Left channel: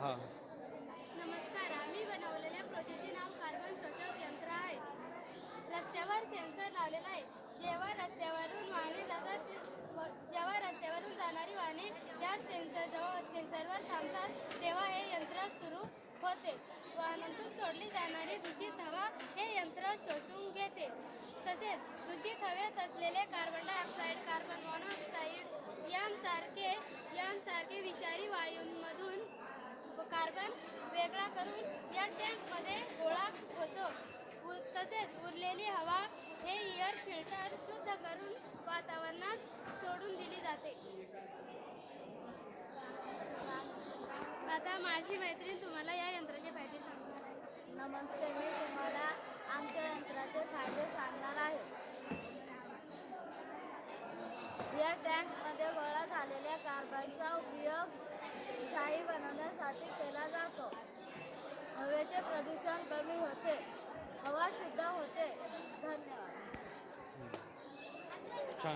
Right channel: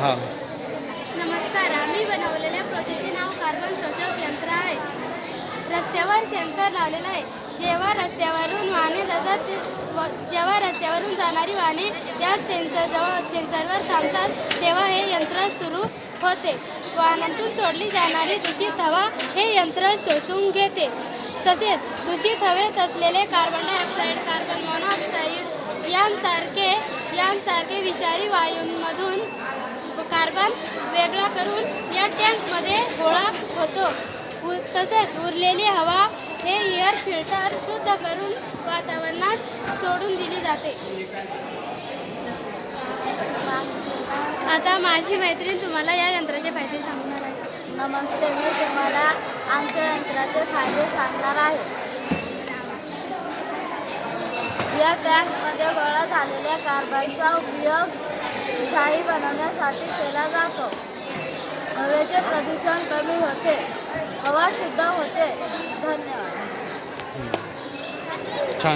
हां. नमस्कार. आम्ही बनवलेल्या प्रोसेसचे नाव कार्बन शोषक यंत्र आहे. रस्त्यावर सेन्सर लावलेला आहे. जेव्हा रस्त्यावरून जाणारी वाहने या सेन्सरवर थांबतात तेव्हा हे यंत्र सुरू होते. वाहनातून सोडली जाणारी दूषित हवा हे यंत्र शोषून घेते. तसेच दूषित हवेत असलेले कार्बन डायऑक्साईड, कार्बन मोनॉक्साईड यांसारखे विषारी वायूंमधून कार्बन वेगळा करून या टँकमध्ये गोळा होतो. तसेच उरलेली हवा हे एअर फिल्टर शुद्ध करून वातावरणात सोडून दिली जाते. आता माझी मैत्रीण तुम्हाला या यंत्राचे फायदे सांगणार आहे. नमस्ते, मी तुम्हाला आमच्या यंत्राचे फायदे सांगणार आहे. या टँकमध्ये गोळा झालेल्या कार्बनचा उपयोग शाई बनवण्यासाठी केला जातो. हवेचे प्रदूषण कमी होते, हवा शुद्ध होते. धन्यवाद.